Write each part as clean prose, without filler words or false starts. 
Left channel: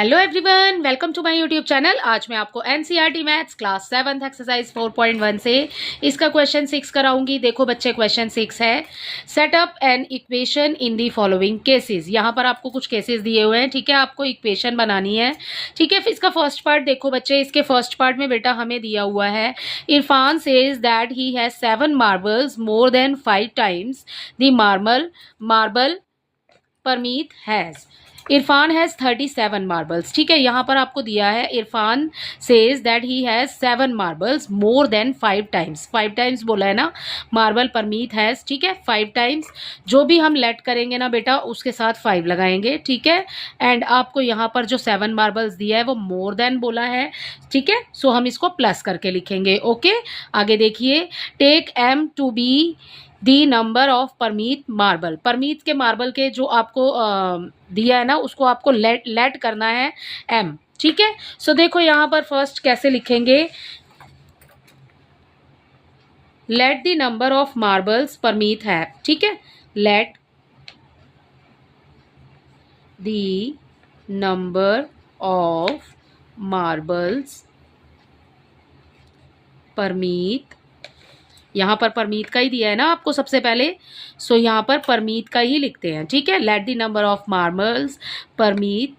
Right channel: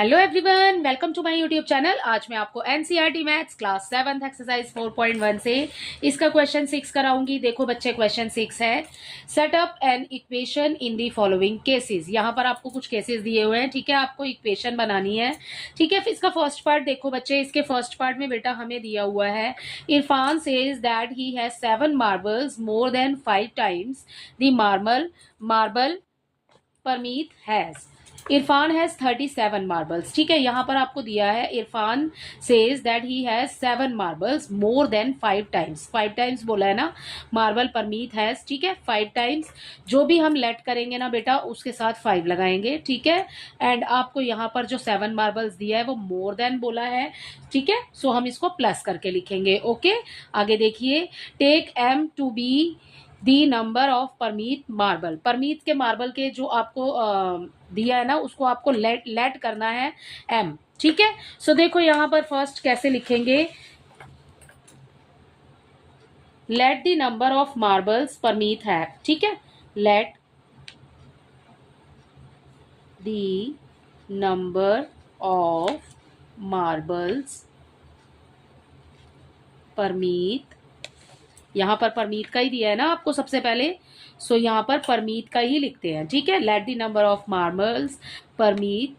Hello everyone, welcome to my YouTube channel. आज मैं आपको एनसीईआरटी मैथ्स क्लास 7 एक्सरसाइज 4.1 से इसका क्वेश्चन 6 कराऊंगी। देखो बच्चे, क्वेश्चन 6 है, set up an equation in the following cases. यहाँ पर आपको कुछ केसेस दिए हुए हैं, ठीक है। आपको इक्वेशन बनानी है, ठीक है। फिर इसका फर्स्ट पार्ट देखो बच्चे, इसके फर्स्ट पार्ट में बेटा हमें दिया हुआ है, Irfan says that he has 7 marbles more than 5 times the marble Parmeet has. Irfan has 37 marbles, ठीक है। यहां पर आपको दिया है Irfan says that he has 7 marbles more than 5 times. 5 times बोला है ना, मार्बल परमीत हैज, ठीक है। 5 टाइम्स जो भी हम लेट करेंगे ना बेटा, उसके साथ 5 लगाएंगे, ठीक है। एंड आपको यहां पर जो 7 मार्बल्स दिया है वो मोर देन बोला है, ठीक है। सो हम इसको प्लस करके लिखेंगे। ओके, आगे देखिए, take M to be the number of Parmeet marble. Parmeet के मार्बल के जो आपको दिया है ना, उसको आपको लेट करना है एम, ठीक है। सो देखो यहां पर फर्स्ट कैसे लिखेंगे, let the number of marbles Parmeet है, ठीक है। Let the number of marbles Parmeet, यहां पर परमीत का ही दिया है ना आपको सबसे पहले, सो यहां पर परमीत का ही लिखते हैं, ठीक है। Let the number of marbles Parmeet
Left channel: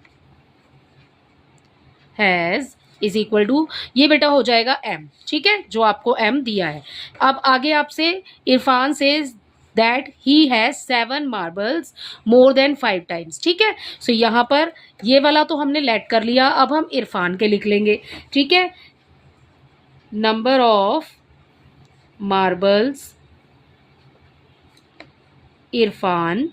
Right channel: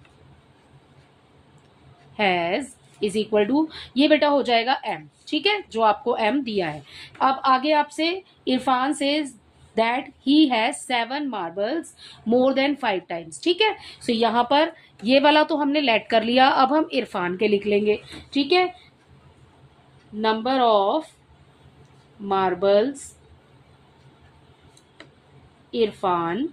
has is equal to, ये बेटा हो जाएगा एम, ठीक है, जो आपको एम दिया है। अब आगे आपसे Irfan says that he has 7 marbles more than 5 times, ठीक है। सो यहां पर ये वाला तो हमने लेट कर लिया, अब हम इरफान के लिख लेंगे, ठीक है। Number of marbles Irfan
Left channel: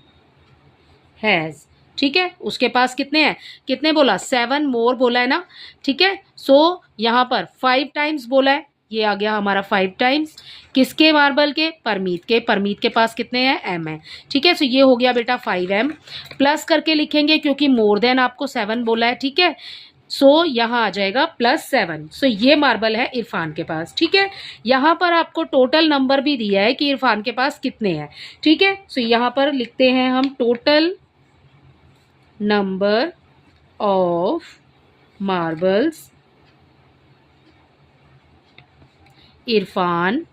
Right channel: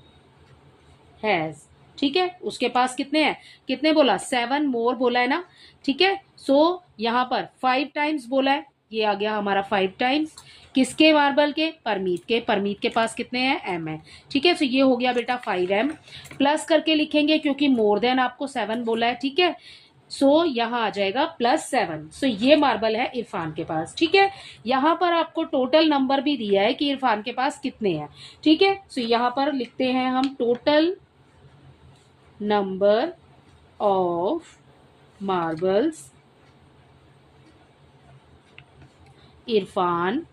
has, ठीक है। उसके पास कितने हैं, कितने बोला, 7 मोर बोला है ना, ठीक है। सो यहां पर 5 टाइम्स बोला है, ये आ गया हमारा 5 टाइम्स किसके, मार्बल के, परमीत के। परमीत के पास कितने हैं, एम है, ठीक है। सो ये हो गया बेटा 5m, प्लस करके लिखेंगे क्योंकि मोर देन आपको 7 बोला है, ठीक है। सो यहां आ जाएगा +7। सो ये मार्बल है इरफान के पास, ठीक है। यहां पर आपको टोटल नंबर भी दिया है कि इरफान के पास कितने हैं, ठीक है। सो यहां पर लिखते हैं हम total number of marbles Irfan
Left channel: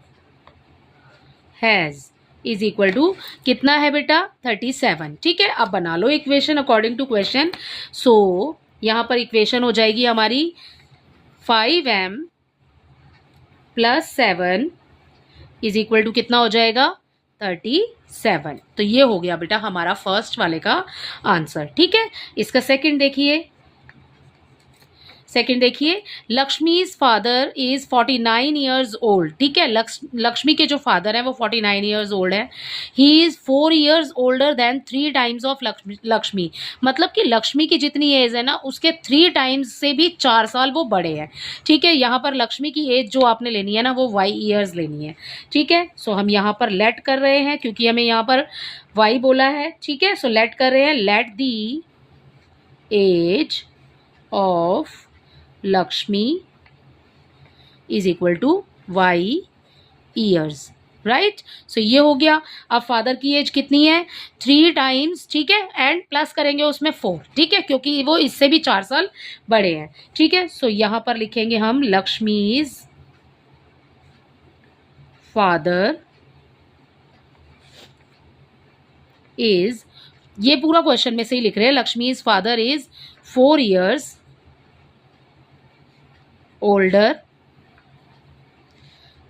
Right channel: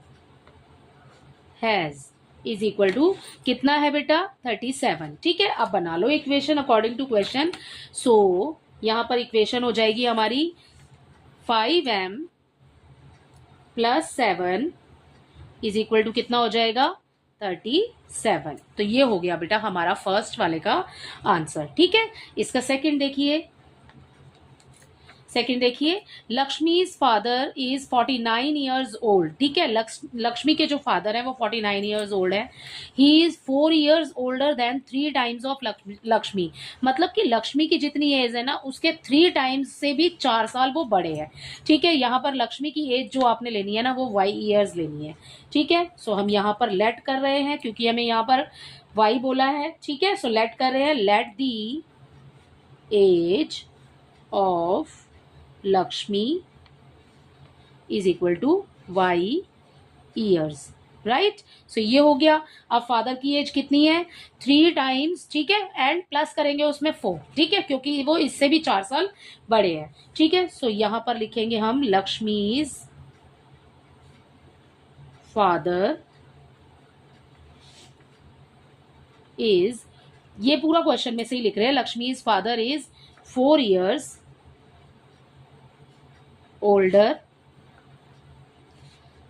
has is equal to, कितना है बेटा, 37, ठीक है। अब बना लो equation according to question. So यहां पर इक्वेशन हो जाएगी हमारी 5m + 7 इज इक्वल टू कितना हो जाएगा, 37। तो ये हो गया बेटा हमारा फर्स्ट वाले का आंसर, ठीक है। इसका सेकंड देखिए, सेकंड देखिए, Lakshmi's father is 49 years old, ठीक है। लक्ष्मी के जो फादर है वो 49 ईयर्स ओल्ड है। He is 4 years older than 3 times of Lakshmi. मतलब कि लक्ष्मी की जितनी एज है ना, उसके 3 टाइम्स से भी 4 साल वो बड़े हैं, ठीक है। यहाँ पर लक्ष्मी की एज जो आपने लेनी है ना, वो y ईयर्स लेनी है, ठीक है। सो हम यहाँ पर लेट कर रहे हैं क्योंकि हमें यहाँ पर y बोला है, ठीक है। सो लेट कर रहे हैं, let the age of Lakshmi is equal to y years, right. So ये हो गया। अब फादर की एज कितनी है, 3 टाइम्स, ठीक है। एंड प्लस करेंगे उसमें 4, ठीक है, क्योंकि वो इससे भी 4 साल बड़े हैं, ठीक है। सो यहां पर लिखेंगे हम लक्ष्मीज फादर इज, ये पूरा क्वेश्चन में से ही लिख रहे हैं, Lakshmi's father is 4 years older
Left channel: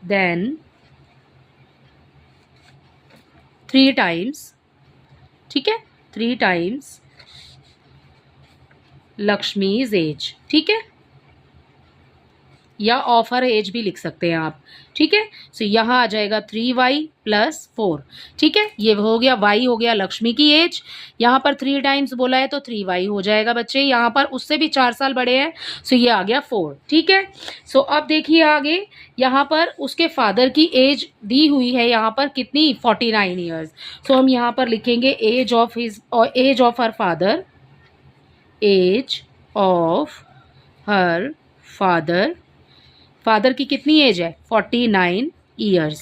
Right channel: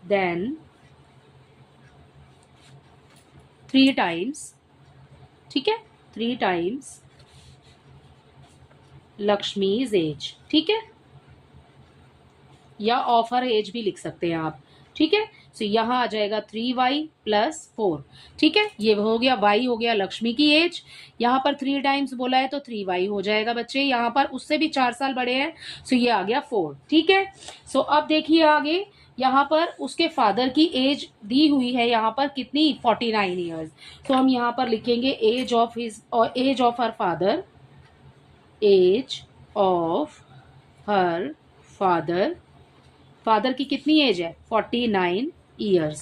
than 3 times, ठीक है, 3 टाइम्स लक्ष्मीज एज, ठीक है, या ऑफ हर एज भी लिख सकते हैं आप, ठीक है। सो यहां आ जाएगा 3y + 4, ठीक है। ये हो गया y, हो गया लक्ष्मी की एज, यहां पर 3 टाइम्स बोला है तो 3y हो जाएगा बच्चे, यहां पर उससे भी 4 साल बड़े हैं, सो ये आ गया 4, ठीक है। सो अब देखिए आगे, यहां पर उसके फादर की एज दी हुई है, यहां पर कितनी, 49 ईयर्स। सो हम यहां पर लिखेंगे age of her father, age of her father, father की कितनी एज है, 49 ईयर्स,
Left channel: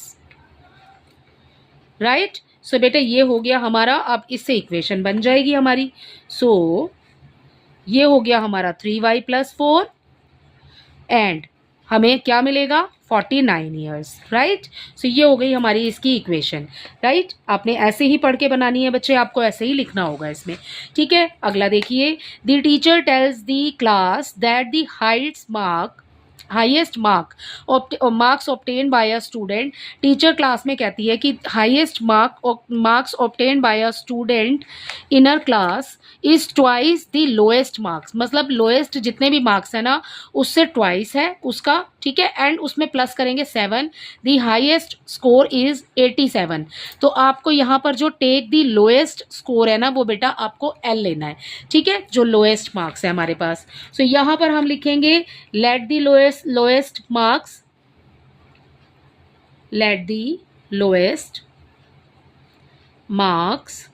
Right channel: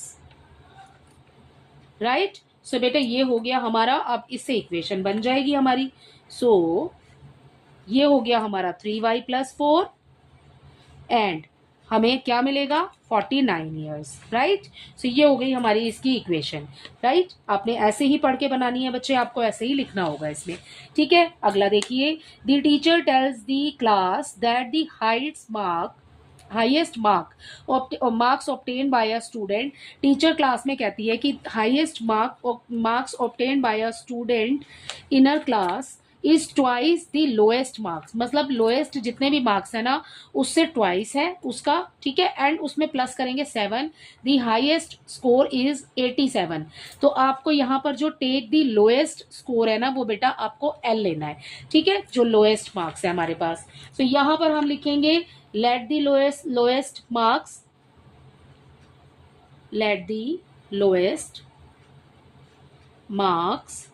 राइट। सो बेटा ये हो गया हमारा, अब इससे इक्वेशन बन जाएगी हमारी। सो ये हो गया हमारा 3y+4 एंड हमें क्या मिलेगा 49 ईयर्स, राइट। सो ये हो गई हमारी इसकी इक्वेशन, राइट। आपने ऐसे ही पढ़ के बनानी है बच्चे, आपको ऐसे ही लिखना होगा इसमें, ठीक है। अगला देखिए, the teacher tells the class that the highest marks obtain by a student. Teacher class में कहती है कि highest marks obtain by a student in our class is twice the lowest marks, मतलब लोएस्ट जितने भी मार्क्स है ना उससे ट्वाइस है उसका, ठीक है। एंड उसमें प्लस करेंगे 7, द हाईएस्ट स्कोर इज 87। तो आपको यहाँ पर जो टेक द लोएस्ट स्कोर है ना वो बेटा आपको एल लेना है, ठीक है, जो लोएस्ट मार्क्स है हमारे पास। सो यहाँ पर हम लिखेंगे let the lowest marks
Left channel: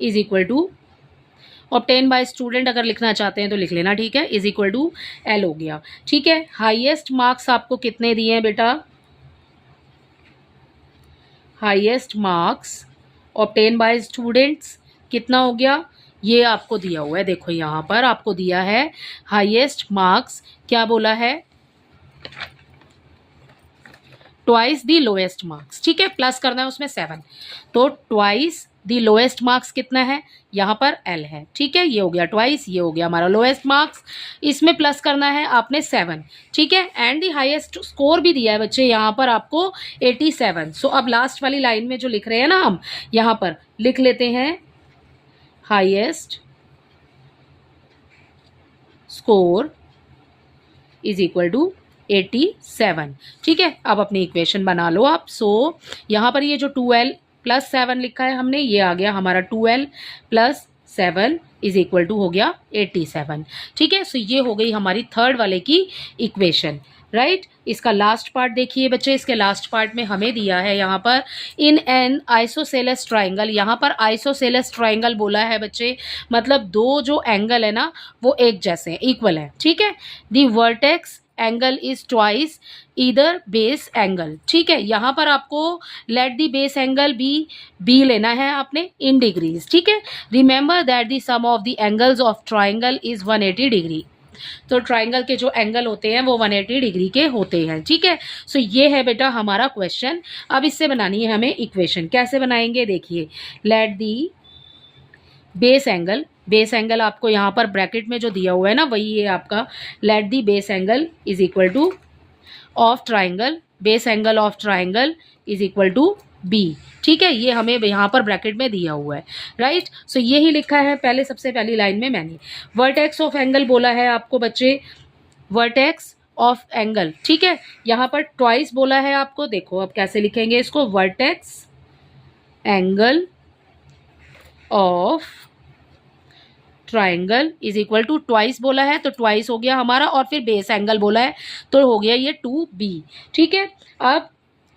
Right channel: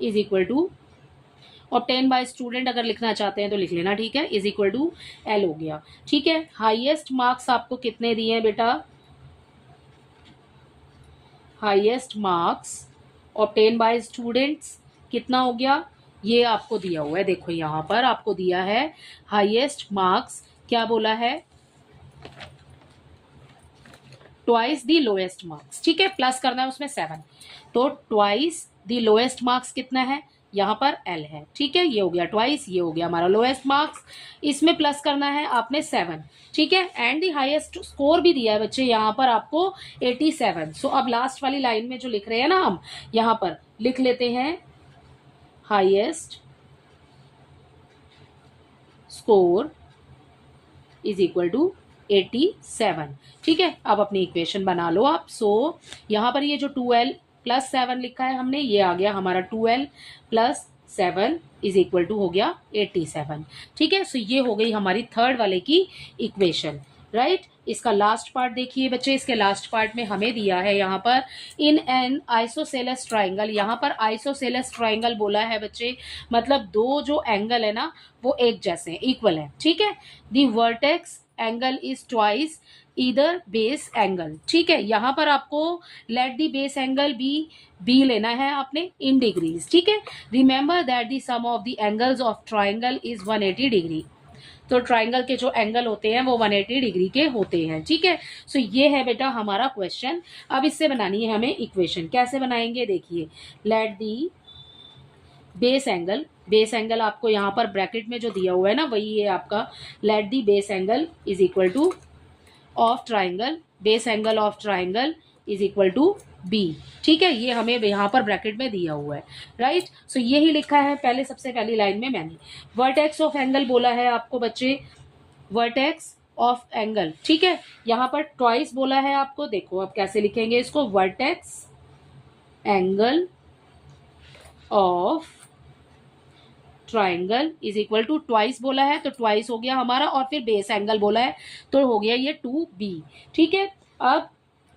is equal to obtain by student, अगर लिखना चाहते हैं तो लिख लेना, ठीक है, इज इक्वल टू एल हो गया, ठीक है। हाईएस्ट मार्क्स आपको कितने दिए हैं बेटा, highest marks obtain bye students कितना हो गया, ये आपको दिया हुआ है, देखो यहाँ पर आपको दिया है हाईएस्ट मार्क्स, क्या बोला है, ट्वाइस दी लोएस्ट मार्क्स, ठीक है, प्लस करना है उसमें 7, तो ट्वाइस दी लोएस्ट मार्क्स कितना है, यहाँ पर एल है, ठीक है, ये हो गया ट्वाइस, ये हो गया हमारा लोएस्ट मार्क्स, इसमें प्लस करना है आपने 7, ठीक है। एंड दी हाईएस्ट स्कोर भी दिया है बच्चे यहाँ पर आपको 87। सो अब लास्ट वाली लाइन में जो लिख रहे हैं ना हम यहाँ पर लिख लेते हैं highest score is equal to 87, ठीक है। अब अपनी इक्वेशन बना लो आप। सो यहाँ पर ये जो 2l + 7 लिखा है हमने, ये आ गया हमारा 2l + 7 इज इक्वल टू हो गया 87, ठीक है। सो ये हो गई हमारी थर्ड वाले की इक्वेशन, राइट। इसका लास्ट पार्ट देखिए बच्चे, इसके लास्ट पार्ट में हमें दिया है यहाँ पर इन एन आइसोसेलेस ट्राइंगल, यहाँ पर आइसोसेलेस ट्राइंगल बोला है बच्चे, मतलब दो जो एंगल है ना वो एक जैसे हैं, इक्वल है, ठीक है। The vertex angle is twice इधर बेस एंगल, ठीक है। यहाँ पर आपको let the base angle B लेना है आपने इन डिग्रीज, ठीक है। Remember that the sum of the angles of triangle is 180 degree, तो ट्राइंगल के जो एंगल होते हैं वो 180 डिग्री के होते हैं, ठीक है। सो ये है बेटा हमारा क्वेश्चन। अब इससे बनानी है हमें इक्वेशन, कैसे बनाएंगे देखिए, लेट दी बेस एंगल आपको यहाँ पर ब्रैकेट में जो दिया हुआ है ना वही है आपका, let the base angle is equal to of triangle, base angle of triangle is equal to B, ठीक है, ये हमें यहाँ पर ब्रैकेट में दिया हुआ है, राइट। सो यही लिखा है पहले, सबसे पहली लाइन में मैंने वर्टेक्स ऑफ एंगल बोला है आपको बच्चे, वर्टेक्स ऑफ एंगल, ठीक है। यहाँ पर ट्वाइस बोला है आपको, देखो अब कैसे लिखेंगे इसको, vertex angle of triangle is equal to twice बोला है तो ट्वाइस हो गया हमारा, और फिर बेस एंगल बोला है तो हो गया ये 2b, ठीक है। अब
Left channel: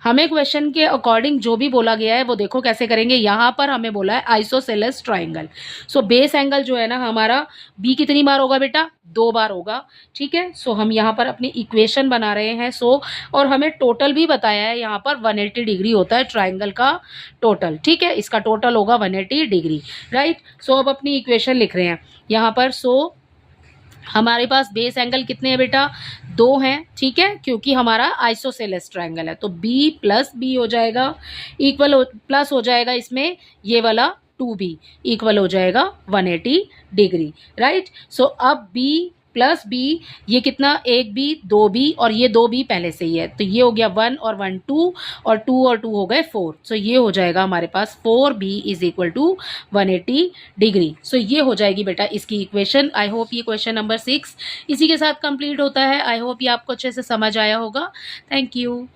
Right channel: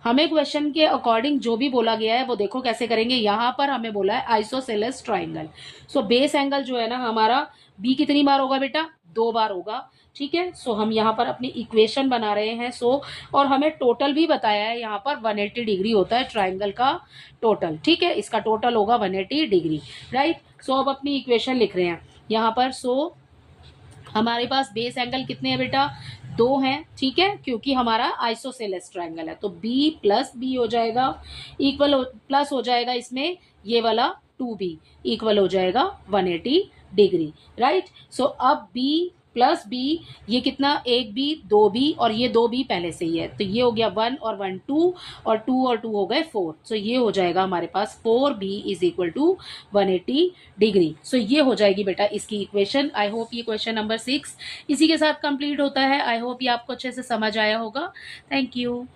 हमें क्वेश्चन के अकॉर्डिंग जो भी बोला गया है वो देखो कैसे करेंगे, यहाँ पर हमें बोला है isosceles triangle, so base angle जो है ना हमारा b कितनी बार होगा बेटा, 2 बार होगा, ठीक है। सो हम यहाँ पर अपनी इक्वेशन बना रहे हैं। सो और हमें टोटल भी बताया है, यहाँ पर 180 डिग्री होता है ट्राइंगल का टोटल, ठीक है, इसका टोटल होगा 180 डिग्री, राइट। सो अब अपनी इक्वेशन लिख रहे हैं यहाँ पर। सो हमारे पास बेस एंगल कितने हैं बेटा, 2 हैं, ठीक है, क्योंकि हमारा आइसोसेलेस ट्राइंगल है, तो b + b हो जाएगा, प्लस हो जाएगा इसमें ये वाला 2b, इक्वल हो जाएगा 180 डिग्री, राइट। सो अब b + b, ये कितना, 1b 2b और ये 2b पहले से ही है, तो ये हो गया 1 और 1 2 और 2 और 2 हो गए 4। सो ये हो जाएगा हमारे पास 4b is equal to 180 degree. So ये हो जाएगी बेटा इसकी इक्वेशन। आई होप ये क्वेश्चन नंबर 6 इसी के साथ कंप्लीट होता है। आई होप ये आपको अच्छे से समझ आया होगा। Thank you.